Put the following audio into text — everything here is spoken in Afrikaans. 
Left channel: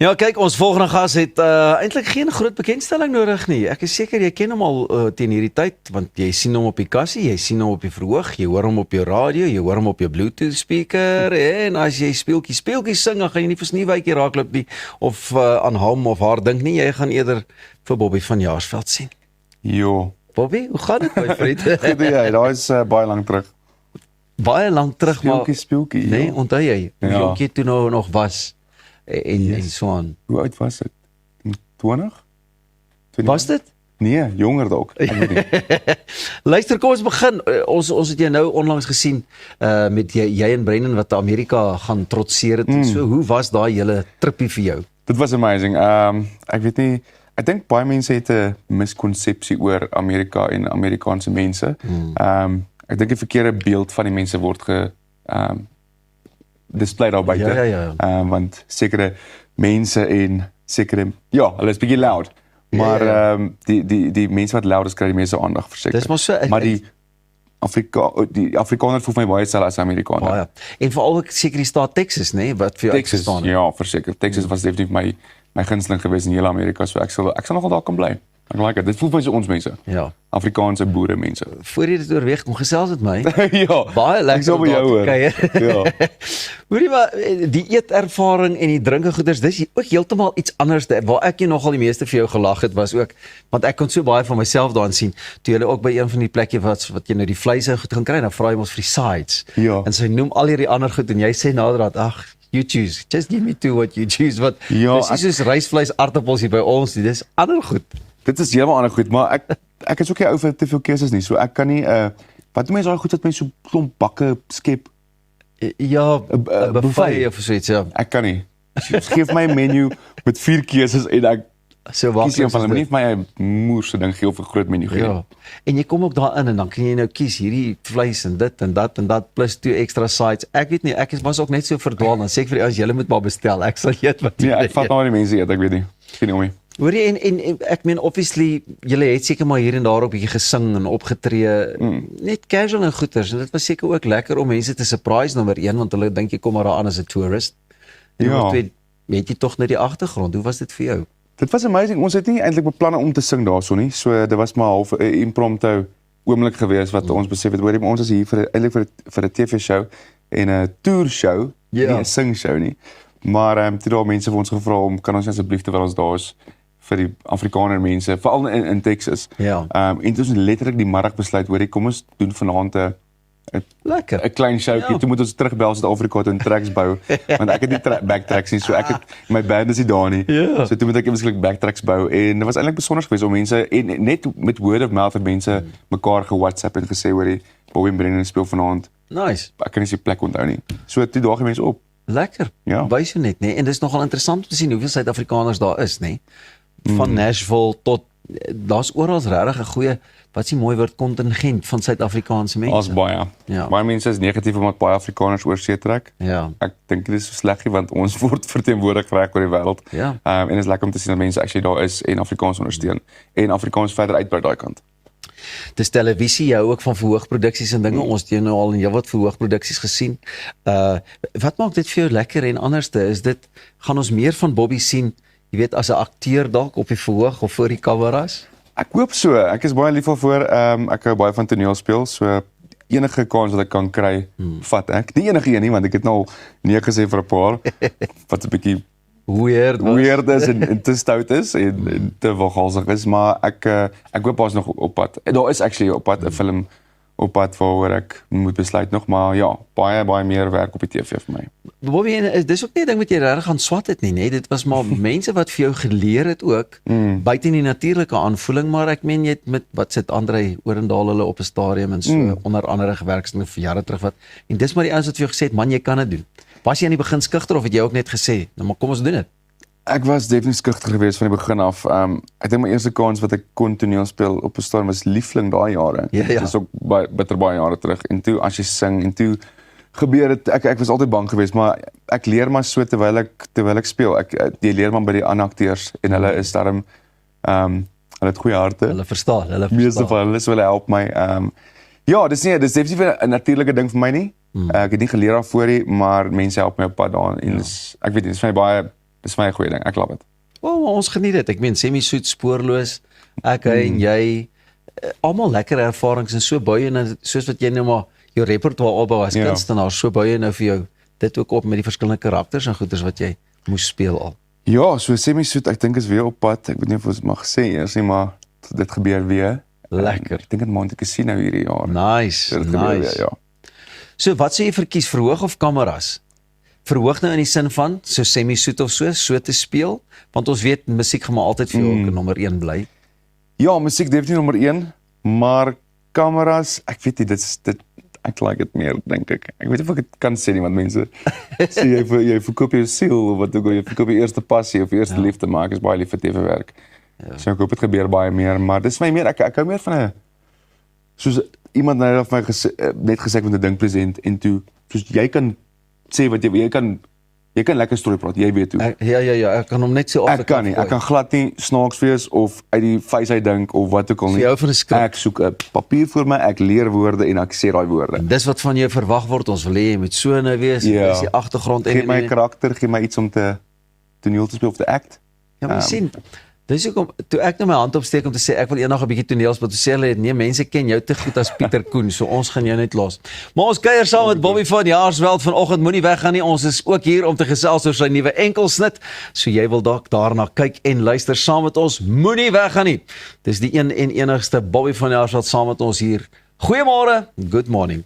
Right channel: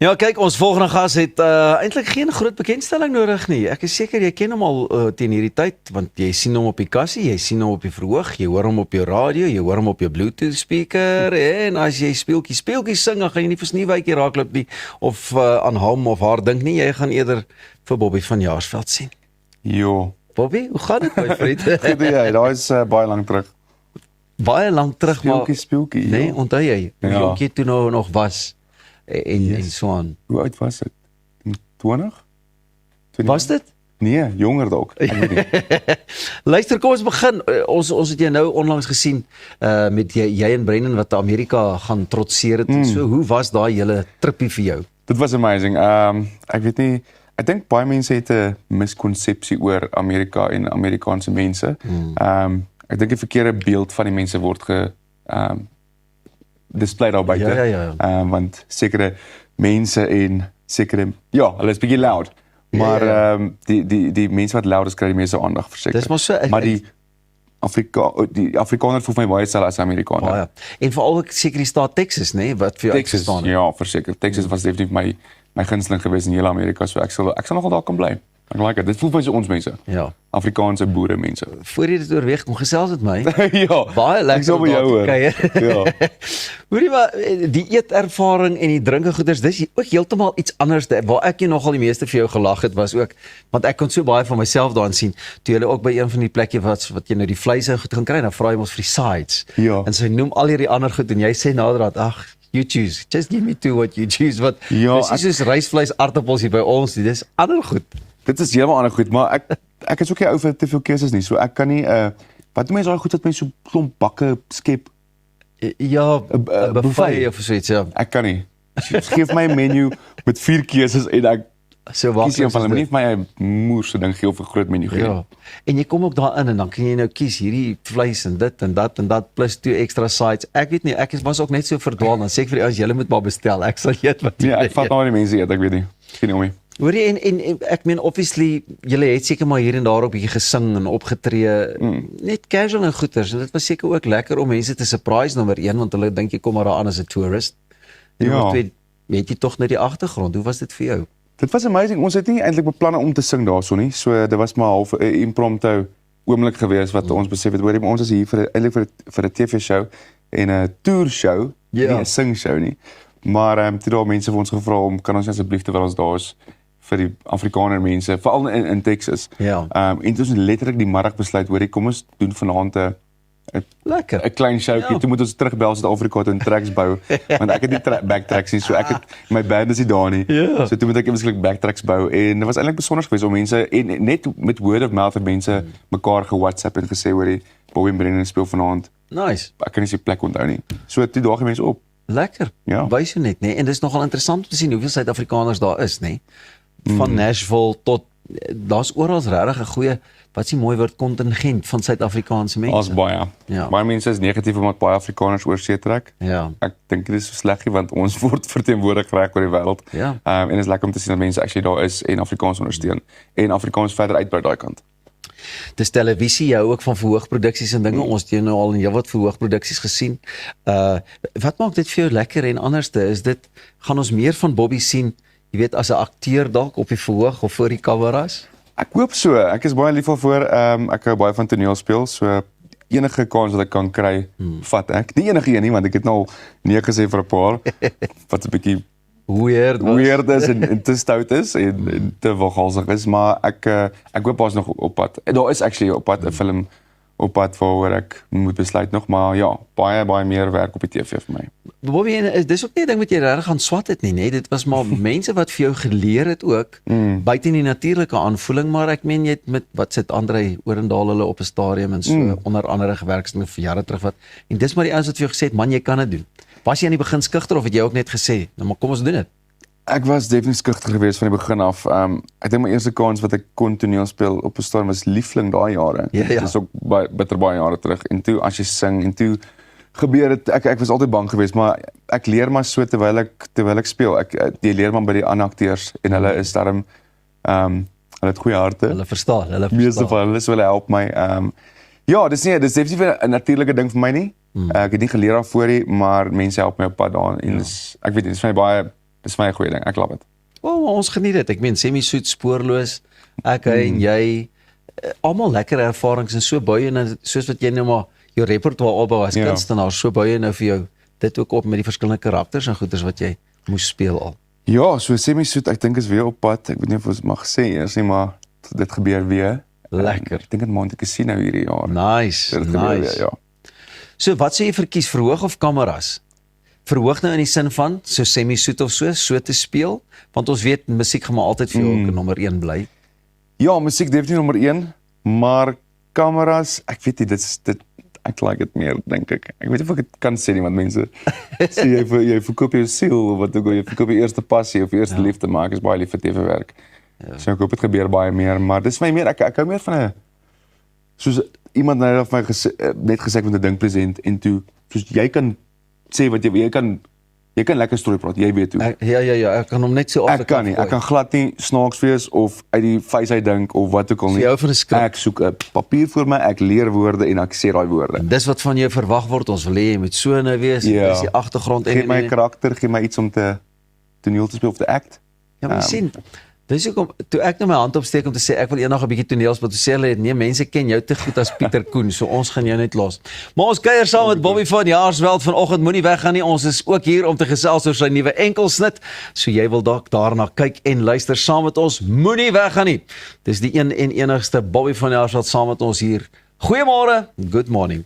Ja, kyk, ons volgende gas het eintlik geen groot bekendstelling nodig nie. Ek is seker jy ken hom al teen hierdie tyd, want jy sien hom op die kassie, jy sien hom op die verhoog, jy hoor hom op jou radio, jy hoor hom op jou Bluetooth speaker, en as jy speeltjies sing, dan gaan jy nie vir Sneeuwwytjie raakloop nie, of aan hom of haar dink nie, jy gaan eerder vir Bobby van Jaarsveld sien. Jo. Bobby, hoe gaan dit my vriend? Goed, ja, daai is baie lank terug. Baie lank terug, maar Speeltjie. nee, onthou jy, hoe Ja. jonk jy toe nou nog was en so aan. Hoe oud was ek? 20? Was dit? Nee, jonger dalk. Ek weet nie. Luister, kom ons begin. Ons het jou nou onlangs gesien met jy en Brennan wat Amerika gaan trotseer het en so. Hoe was daai hele trippie vir jou? Dit was amazing. Ek weet nie, ek dink baie mense het 'n miskonsepsie oor Amerika en Amerikaanse mense. Ek dink 'n verkeerde beeld van die mense word display daar buite. Ja. Want sekere mense en sekere, ja, hulle is bietjie loud. Maar die mense wat loud is kry die meeste aandag verseker. Dis maar so. Maar die Afrikaner voel vir my baie selfs as Amerikaner. Ja. En veral ook seker die staat Texas, nê, wat vir jou Texas, uitstaan. ja, verseker. Texas was definitief my gunsteling geweest in hele Amerika, so ek sal nogal daar kan bly. Ek like dit. Dit voel vir my so ons mense. Ja. Afrikaanse boere mense. Voor jy dit oorweeg, kom gesels met my. Ja. Baie lekker Ek sal om by daar jou te hoor. kuier. Ja. Hoorie maar, die eetervaring en die drinkegoeders, dis ook heeltemal iets anders. Waar ek nogal die meeste vir jou gelag het, was ook, want ek kon so baie van myself daarin sien, toe jy ook by een van die plekke wat jy nou die vleis ou goed gaan kry, dan vra jy ons vir die sides. Ja. En sy noem al hierdie ander goed, en jy sê naderhand, ag, you choose, just give me two what you choose, wat, Ja, dis nie soos rysvleis, aardappels hier by ons, dis ander goed. Dit is heeltemal ander goed, maar ek is ook nie ou vir te veel keuses nie, so ek kan nie wat doen mense daai goed wat my so klomp bakke skep? Ja, 'n buffet of so iets, ja. Ek kan nie. Geef my 'n menu met 4 keuses en ek So waar kies een van hulle, nie vir my 'n moerse ding gee of 'n groot menu gee. Ja. En jy kom ook daarin en dan kan jy nou kies hierdie vleis en dit en dat plus 2 extra sides. Ek weet nie, was ook net so verdwaal, dan sê ek vir die ouens, julle moet maar bestel. Ek sal eet wat Ja, ek vat nou die mense eet, ek weet nie. Geen idee. Hoorie, en ek meen obviously julle het seker maar hier en daar op bietjie gesing en opgetree, net casual en goeters. En dit was seker ook lekker om mense te surprise nommer 1, want hulle dink jy kom maar daar aan as 'n tourist. En Ja. nommer 2, weet jy tog net die agtergrond. Hoe was dit vir jou? Dit was amazing. Ons het nie eintlik beplanne om te sing daarso nie. So dit was maar half 'n impromptu oomblik geweest wat ons besef het, hoorie, maar ons is hier eintlik vir 'n TV-show en 'n tour show, nie 'n sing show nie. Maar toe daar mense vir ons gevra om kan ons asseblief terwyl ons daar is vir die Afrikaner mense, veral in Texas. Ja. En toe ons letterlik die middag besluit, hoorie, kom ons doen vanaand 'n Lekker. klein showkie. Toe moet ons terugbel Suid-Afrika toe en tracks bou, want ek het nie backtracks nie, so ek het my band is nie daar nie. Ja. So toe moet ek eintlik backtracks bou en dit was eintlik besonder geweest om mense en net met word of mouth het mense mekaar ge-WhatsApp en gesê hoorie, Bobby en Brennan speel vanaand. Nice. Ek kan nie se plek onthou nie. So toe daag die mense op. Lekker. Ja. Wys jou net, nê? En dis nogal interessant om te sien hoeveel Suid-Afrikaners daar is, nê? Van Nashville tot daar's oral regtig 'n goeie, wat is die mooi woord, kontingent van Suid-Afrikaanse mense. Ons baie. Ja. Baie mense is negatief omdat baie Afrikaners oor see trek. Ja. Ek dink dit is so sleg nie, want ons word verteenwoordig reg oor die wêreld. Ja. En dit is lekker om te sien dat mense actually daar is en Afrikaans ondersteun en Afrikaans verder uitbrei daai kant. Dis televisie, jy hou ook van verhoogproduksies en dinge. Ons het nou al in heelwat verhoogproduksies gesien. Wat maak dit vir jou lekker en anderste? Is dit, gaan ons meer van Bobby sien, jy weet, as 'n akteur dalk op die verhoog of voor die kameras? Ek hoop so. Ek is baie lief daarvoor. Ek hou baie van toneel speel, so enige kans wat ek kan kry, vat ek. Nie enige een nie, want ek het nou al nee gesê vir 'n paar wat 'n bietjie weird is en te stout is en te wilgalsig is, maar ek hoop ons nog op pad. En daar is actually op pad 'n film op pad waaroor ek moet besluit nog, maar ja, baie meer werk op die TV vir my. Bobby, dis ook nie 'n ding wat jy regtig gaan swat het nie, nê? Dit was maar mense wat vir jou geleer het ook, buite die natuurlike aanvoeling, maar ek meen jy het met, wat sit Andre Orendaal hulle op 'n stadium en so, onder andere gewerkstel vir jare terug wat, en dis maar die ouens wat vir jou gesê het, man, jy kan dit doen. Was jy aan die begin skugter of het jy ook net gesê, nou maar kom ons doen dit? Ek was definitief skugter geweest van die begin af. Ek dink my eerste kans wat ek kon toneel speel op 'n stadium was Liefling daai jare. Ja. Dit is ook baie jare terug. En toe as jy sing en toe gebeur dit, ek was altyd bang geweest, maar ek leer maar so terwyl ek speel. Jy leer maar by die ander akteurs en hulle is daarom hulle het goeie harte. Hulle verstaan. Meeste van hulle sou help my. Ja, dis definitief 'n natuurlike ding vir my nie. Ek het nie geleer daarvoor nie, maar mense help my op pad daar en ek weet dit is vir my Dis vir my 'n goeie ding. Ek love dit. Ons geniet dit. Ek meen semi-soet, spoorloos, ek en jy, almal lekker ervarings en so baie en soos wat jy nou maar jou repertoire opbou as kunstenaar, so baie nou vir jou dit ook op met die verskillende karakters en goeders wat jy moes speel al. Ja, so semi-soet, ek dink is weer op pad. Ek weet nie of ons mag sê eers nie, maar dit gebeur weer. Lekker. Ek dink dit Monte Cassino hierdie jaar. Nice, Dit gebeur nice. weer, ja. So wat sê jy verkies, verhoog of kameras? Verhoog nou in die sin van, so semi-soet of so te speel, want ons weet, musiek gaan maar altyd vir jou ook nommer 1 bly. Ja, musiek definitief nommer 1, maar kameras, ek weet nie, ek like dit meer, dink ek. Ek weet nie of ek dit kan sê nie, want mense sê jy verkoop jou siel, of wat ook al, jy verkoop jou eerste passie of eerste liefde, maar ek is baie lief vir TV-werk. So ek hoop dit gebeur baie meer, maar dis vir my meer, ek hou meer van soos iemand nou vir my net gesê ek moet 'n ding present en toe, soos jy kan sê wat jy kan lekker storie praat, jy weet hoe. Ja, ek kan hom net so Ek kan nie, ek kan glad nie snaaks wees of uit die vuis uit dink of wat ook al nie. Jy hou van 'n skrip. Ek soek 'n papier vir my, ek leer woorde en ek sê daai woorde. Dis wat van jou verwag word, ons wil hê jy moet so nou wees, dis die agtergrond Gee my 'n karakter, gee my iets om te toneel te speel of te act. Ja, maar jy sien, dis hoekom toe ek nou my hand opsteek om te sê ek wil eendag 'n bietjie toneel speel, toe sê hulle nee, mense ken jou te goed as Pieter Koen, so ons gaan jou net los. Maar ons kuier saam met Bobby van Jaarsveld vanoggend, moenie weggaan nie. Ons is ook hier om te gesels oor sy nuwe enkelsnit. So jy wil dalk daarna kyk en luister saam met ons. Moenie weggaan nie. Dis die een en enigste Bobby van Jaarsveld saam met ons hier. Goeiemôre, good morning.